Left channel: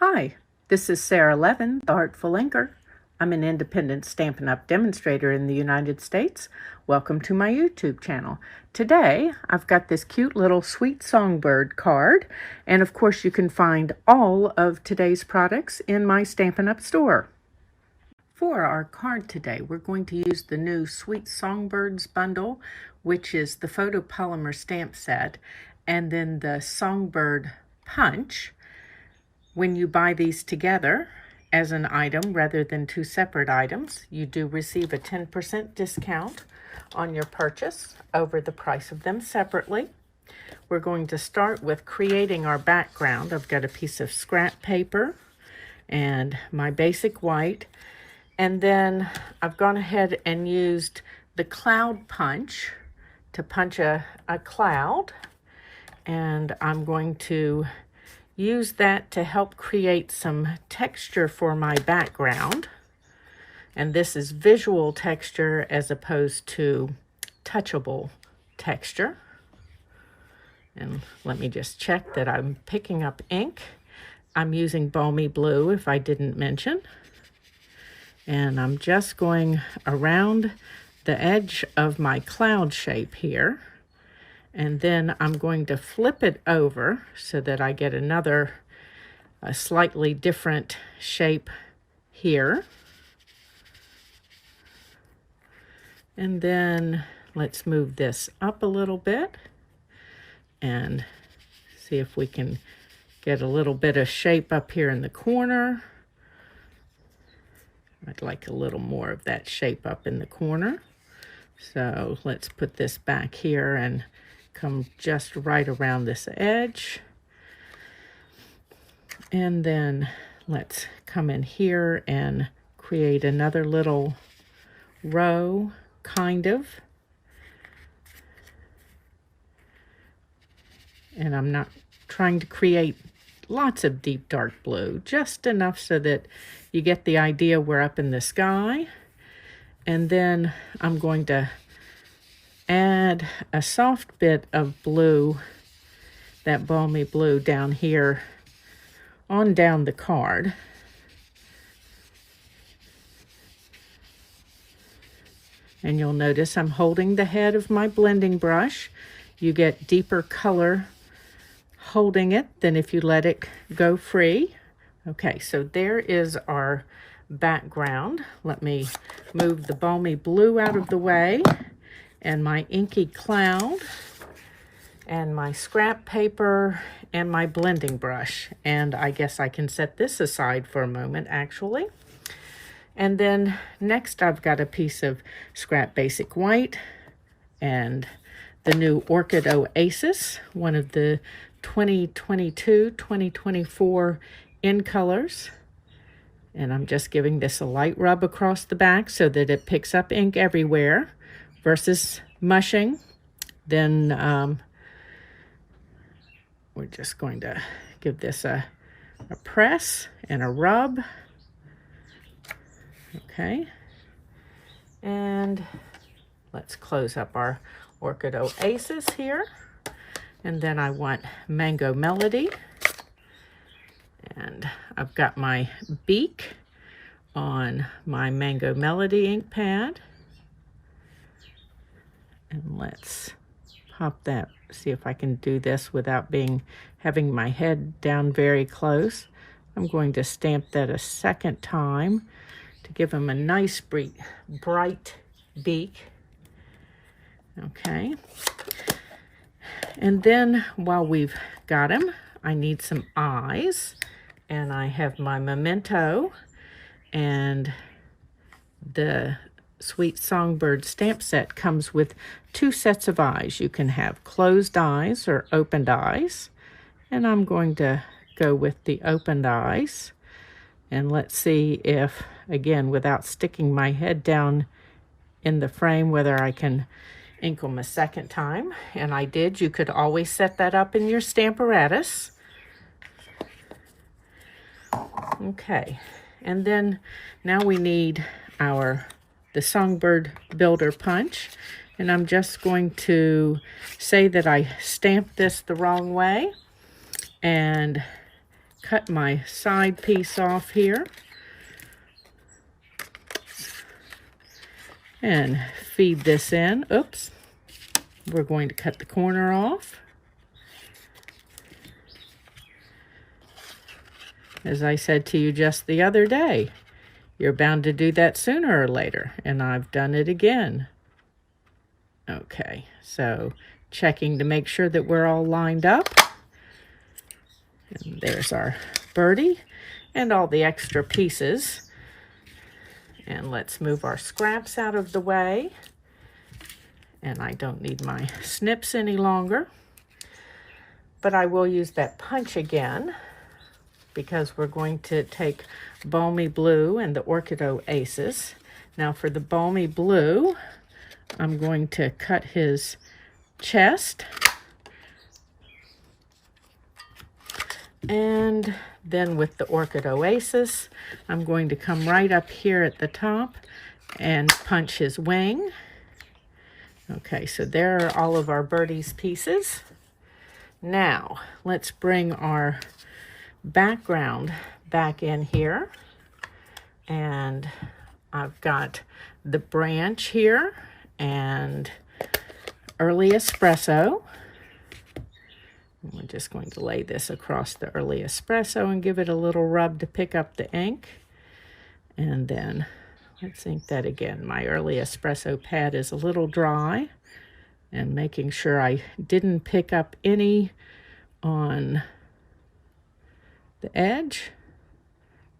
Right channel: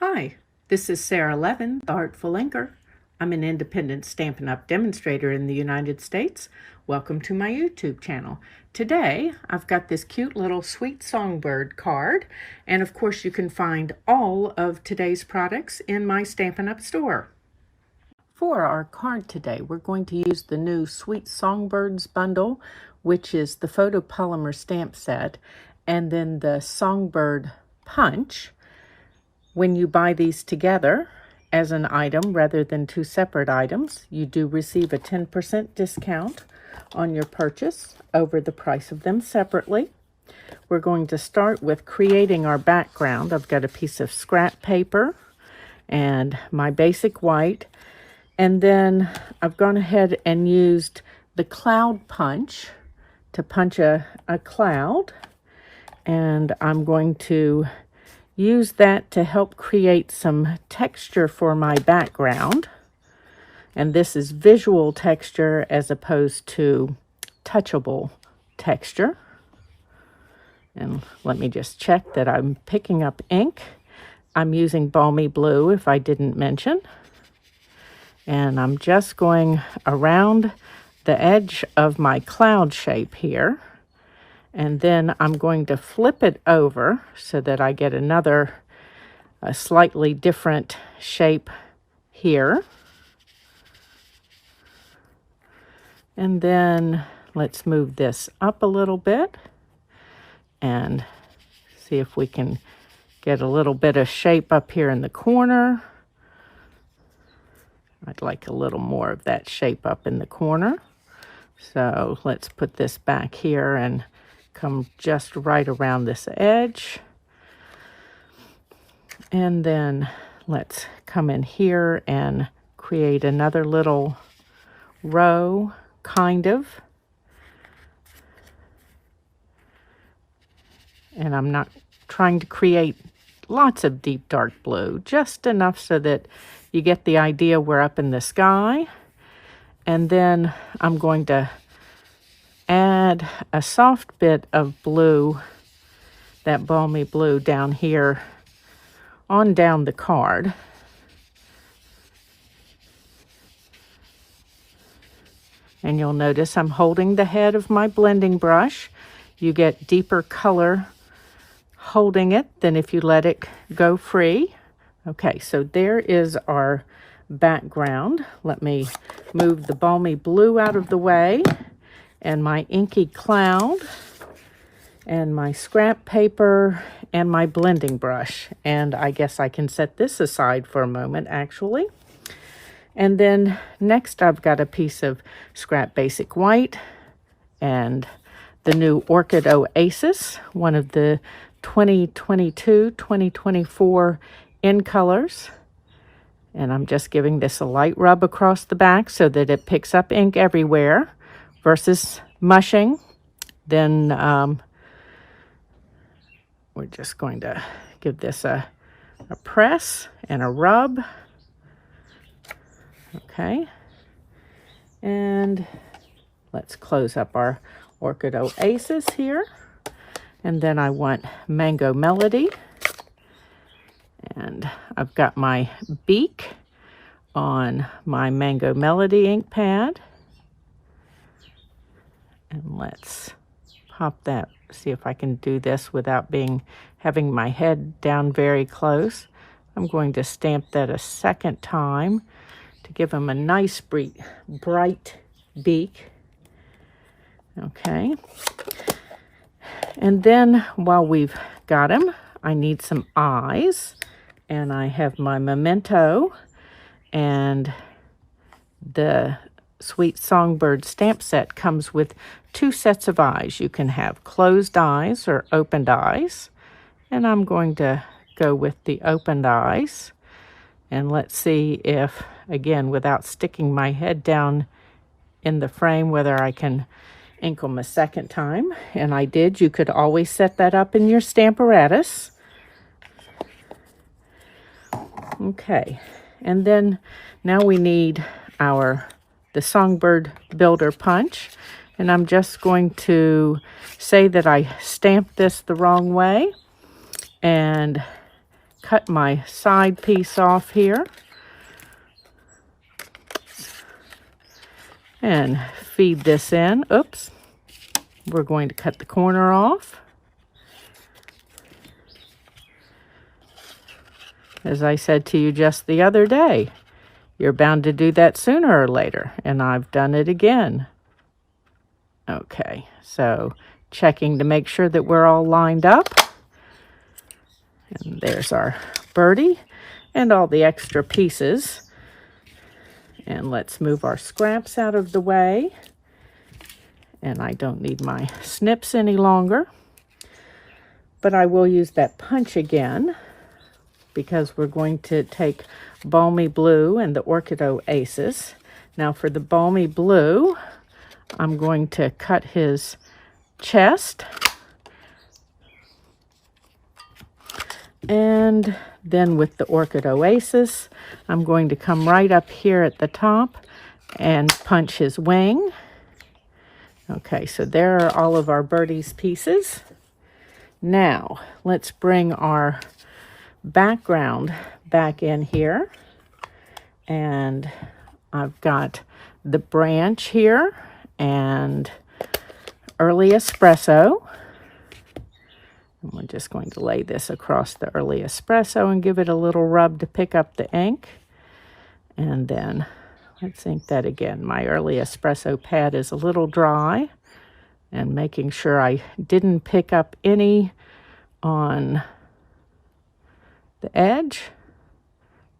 Hi, this is Sara Levin, the Heartful Inker. I'm an independent Stampin' Up! Demonstrator in the United States. Welcome to my YouTube channel. Today, I've got this cute little sweet songbird card, and of course you can find all of today's products in my Stampin' Up! Store. For our card today, we're going to use the new Sweet Songbirds bundle, which is the photopolymer stamp set, and then the Songbird punch. When you buy these together as an item rather than two separate items, you do receive a 10% discount on your purchase over the price of them separately. We're going to start with creating our background. I've got a piece of scrap paper and my basic white, and then I've gone ahead and used the cloud punch to punch a cloud, and I'm going to use that to help create some texture for my background. And this is visual texture as opposed to touchable texture. And let me just check that I'm picking up ink. I'm using Balmy Blue, if I didn't mention. And I'm just going around the edge of my cloud shape here. And then I'm going to flip it over so that I get a slightly different shape here. And then let's move this up a little bit and see if we can get a little bit of shape up here in the corner. I'd like a little more of that shape up in the corner. So let's put this back here and come just right around this edge. And then let's come in here and create another little row, kind of. And I'm not trying to create lots of deep dark blue, just enough so that you get the idea we're up in the sky. And then I'm going to add a soft bit of blue, that balmy blue, down here on down the card. And you'll notice I'm holding the head of my blending brush. You get deeper color holding it than if you let it go free. Okay, so there is our background. Let me move the balmy blue out of the way, and my inky cloud, and my scrap paper, and my blending brush. And I guess I can set this aside for a moment, actually. And then next I've got a piece of scrap basic white and the new Orchid Oasis, one of the 2022-2024 in colors. And I'm just giving this a light rub across the back so that it picks up ink everywhere versus mushing. Then we're just going to give this a press and a rub. Okay. And let's close up our Orchid Oasis here. And then I want Mango Melody. And I've got my beak on my Mango Melody ink pad. And let's pop that, see if I can do this without having my head down very close. I'm going to stamp that a second time to give him a nice bright beak. Okay. And then while we've got him, I need some eyes. And I have my Memento and the Sweet Songbird stamp set comes with 2 sets of eyes. You can have closed eyes or opened eyes. And I'm going to go with the opened eyes. And let's see if, again, without sticking my head down in the frame, whether I can ink them a second time. And I did. You could always set that up in your Stamparatus. Okay. And then now we need the Songbird Builder Punch, and I'm just going to say that I stamped this the wrong way and cut my side piece off here and feed this in. Oops. We're going to cut the corner off. As I said to you just the other day, you're bound to do that sooner or later, and I've done it again. Okay, so checking to make sure that we're all lined up. And there's our birdie and all the extra pieces. And let's move our scraps out of the way. And I don't need my snips any longer. But I will use that punch again, because we're going to take Balmy Blue and the Orchid Oasis. Now for the Balmy Blue, I'm going to cut his chest. And then with the Orchid Oasis, I'm going to come right up here at the top and punch his wing. Okay, so there are all of our birdie's pieces. Now, let's bring our background back in here, and I've got the branch here and early espresso. We're just going to lay this across the early espresso and give it a little rub to pick up the ink. And then let's ink that again. My early espresso pad is a little dry, and making sure I didn't pick up any on the edge.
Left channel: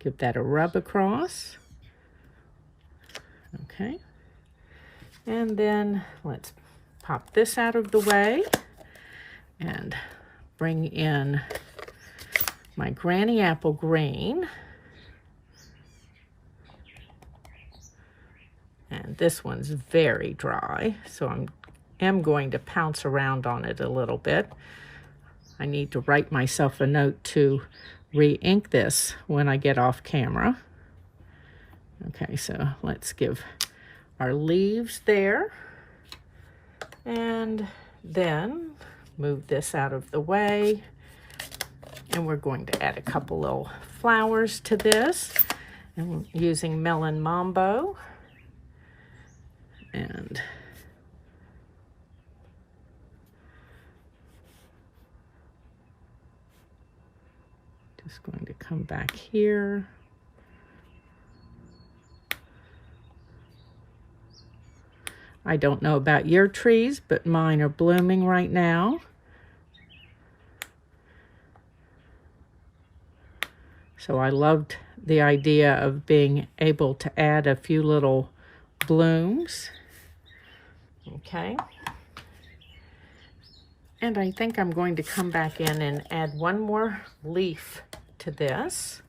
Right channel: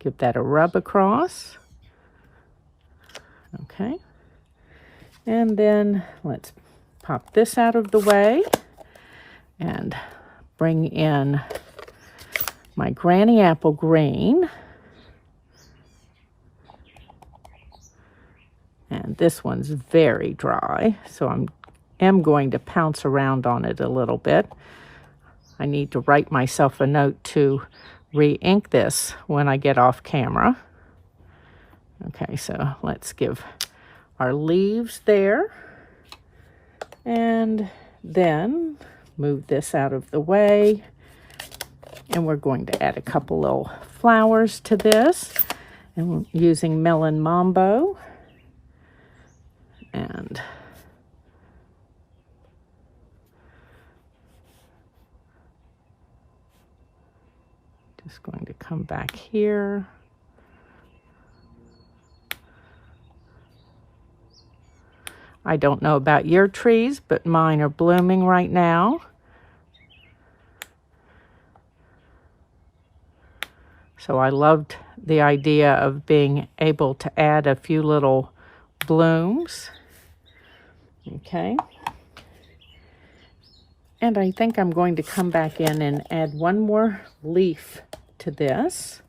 Give that a rub across. Okay. And then let's pop this out of the way and bring in my Granny Apple Green. And this one's very dry, so am going to pounce around on it a little bit. I need to write myself a note to re-ink this when I get off camera. Okay, so let's give our leaves there. And then move this out of the way. And we're going to add a couple little flowers to this. And using Melon Mambo. And just going to come back here. I don't know about your trees, but mine are blooming right now. So I loved the idea of being able to add a few little blooms. Okay. And I think I'm going to come back in and add one more leaf to this.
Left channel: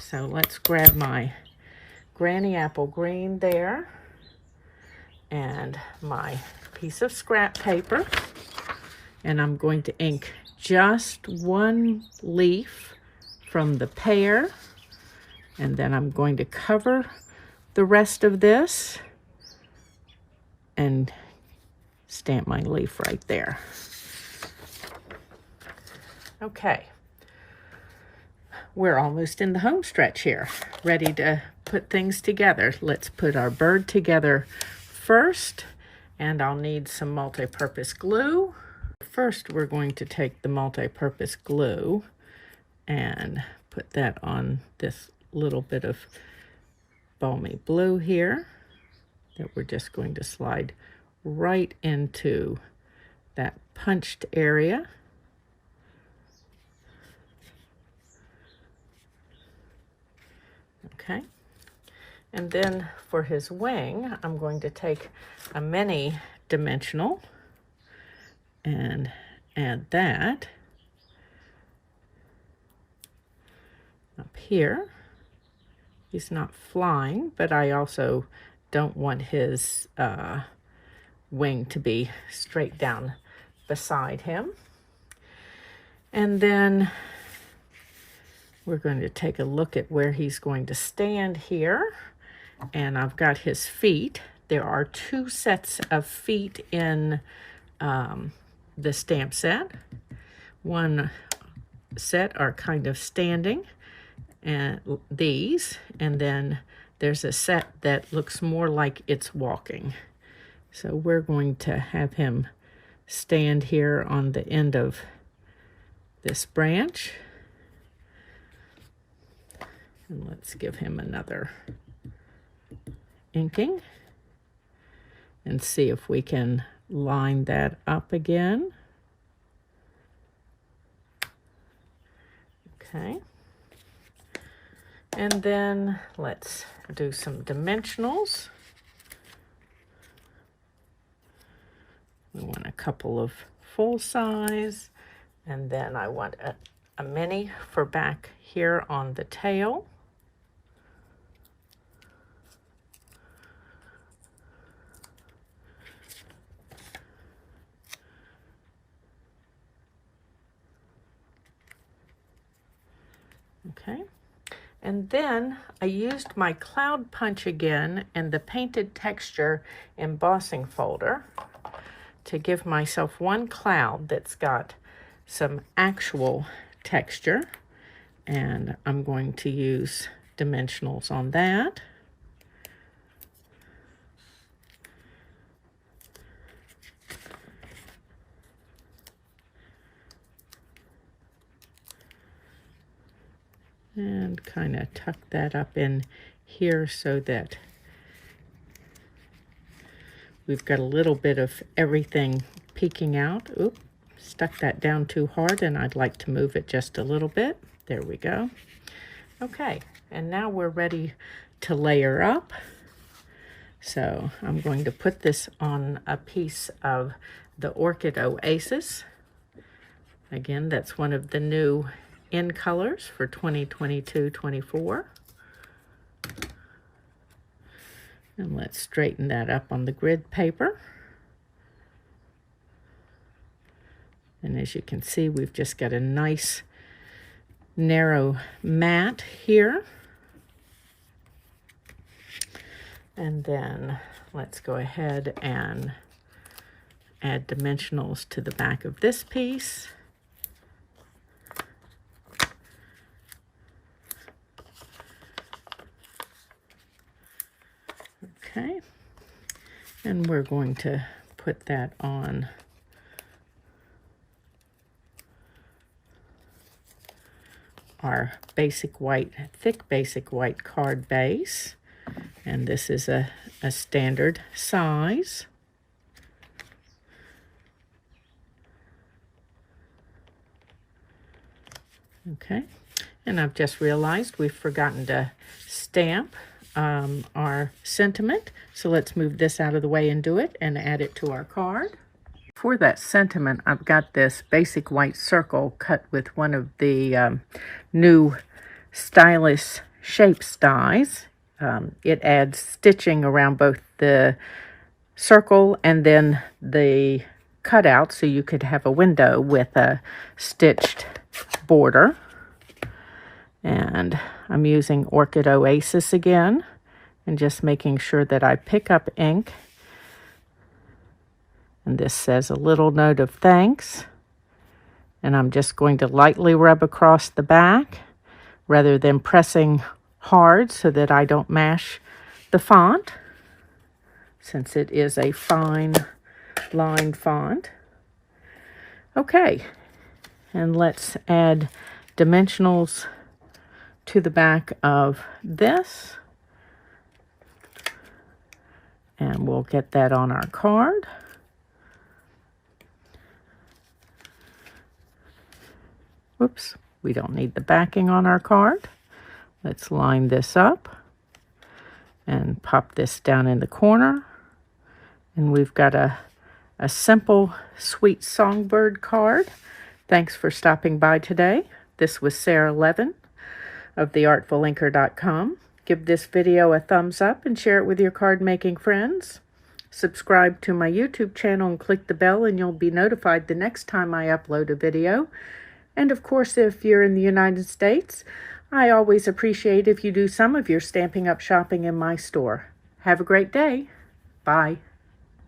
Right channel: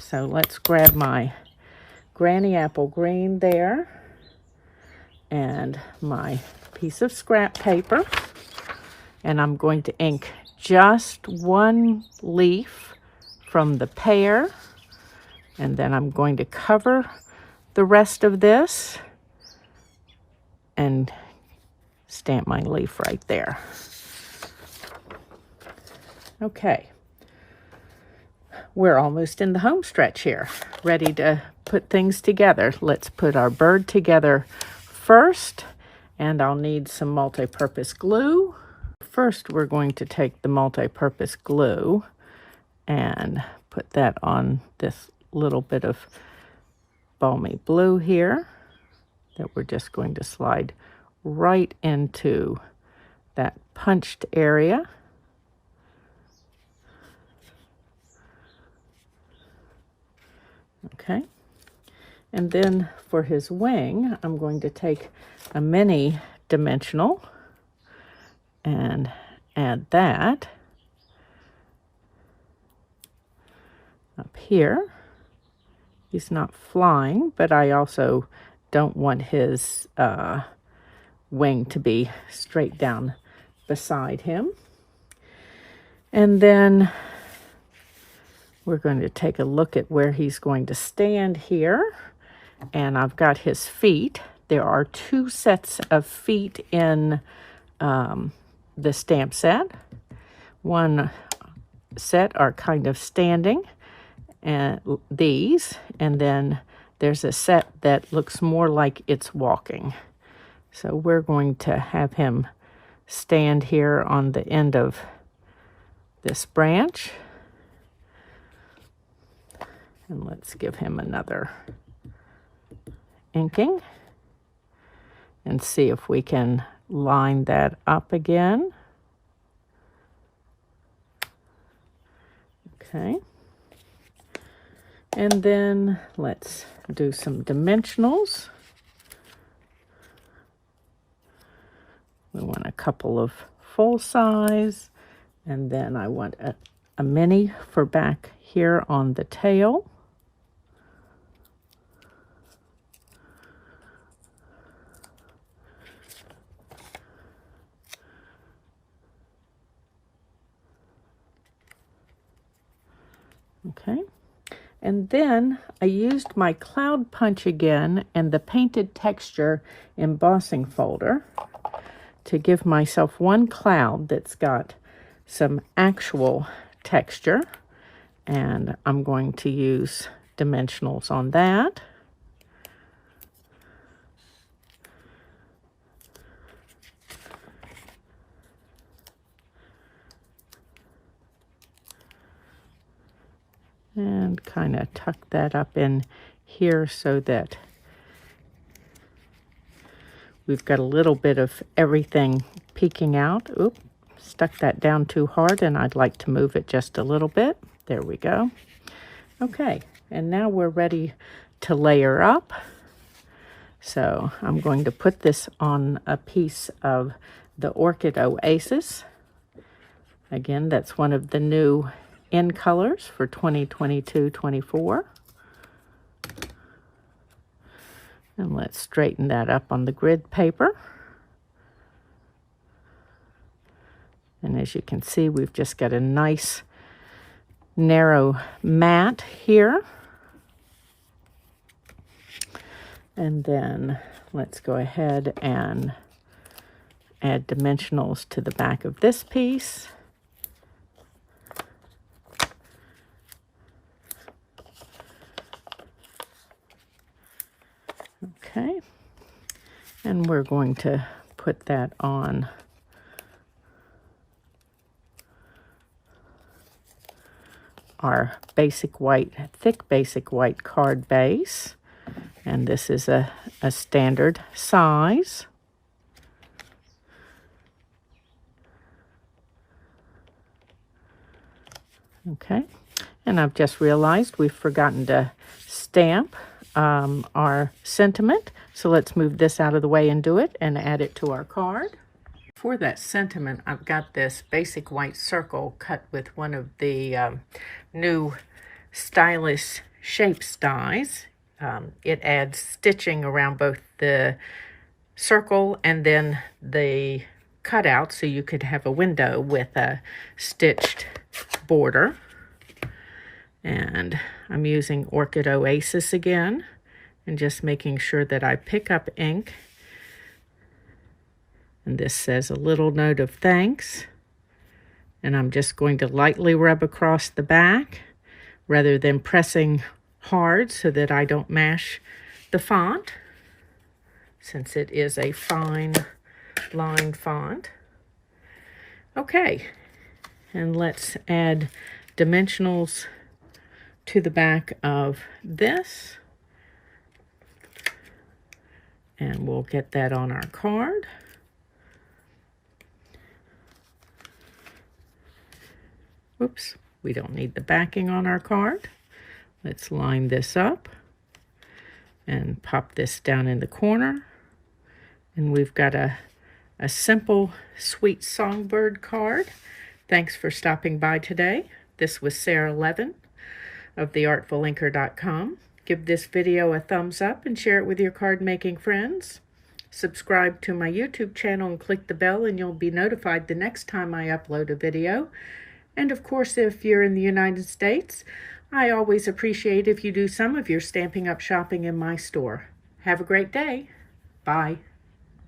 So let's grab my Granny Apple Green there and my piece of scrap paper. And I'm going to ink just one leaf from the pear. And then I'm going to cover the rest of this and stamp my leaf right there. Okay. We're almost in the home stretch here, ready to put things together. Let's put our bird together first, and I'll need some multi-purpose glue. First, we're going to take the multi-purpose glue and put that on this little bit of Balmy Blue here that we're just going to slide right into that punched area. Okay, and then for his wing, I'm going to take a mini dimensional and add that up here. He's not flying, but I also don't want his wing to be straight down beside him. And then we're going to take a look at where he's going to stand here. And I've got his feet. There are 2 sets of feet in the stamp set. One set are kind of standing, and these, and then there's a set that looks more like it's walking. So we're going to have him stand here on the end of this branch. And let's give him another inking and see if we can line that up again. Okay. And then let's do some dimensionals. We want a couple of full size, and then I want a mini for back here on the tail. Okay. And then I used my cloud punch again and the painted texture embossing folder to give myself one cloud that's got some actual texture, and I'm going to use dimensionals on that. And kind of tuck that up in here so that we've got a little bit of everything peeking out. Oop, stuck that down too hard, and I'd like to move it just a little bit. There we go. Okay, and now we're ready to layer up. So I'm going to put this on a piece of the Orchid Oasis. Again, that's one of the new in colors for 2022-24. And let's straighten that up on the grid paper. And as you can see, we've just got a nice narrow mat here. And then let's go ahead and add dimensionals to the back of this piece. Okay, and we're going to put that on our basic white, thick basic white card base. And this is a standard size. Okay, and I've just realized we've forgotten to stamp our sentiment. So let's move this out of the way and do it and add it to our card. For that sentiment, I've got this basic white circle cut with one of the new stylish shapes dies. It adds stitching around both the circle and then the cutout, so you could have a window with a stitched border. And I'm using Orchid Oasis again and just making sure that I pick up ink. And this says a little note of thanks. And I'm just going to lightly rub across the back rather than pressing hard so that I don't mash the font, since it is a fine line font. Okay, and let's add dimensionals to the back of this, and we'll get that on our card. Whoops, we don't need the backing on our card. Let's line this up and pop this down in the corner, and we've got a simple, sweet Songbird card. Thanks for stopping by today. This was Sara Levin of theartfulinker.com. Give this video a thumbs up and share it with your card making friends. Subscribe to my YouTube channel and click the bell, and you'll be notified the next time I upload a video. And of course, if you're in the United States, I always appreciate if you do some of your Stampin' Up shopping in my store. Have a great day. Bye.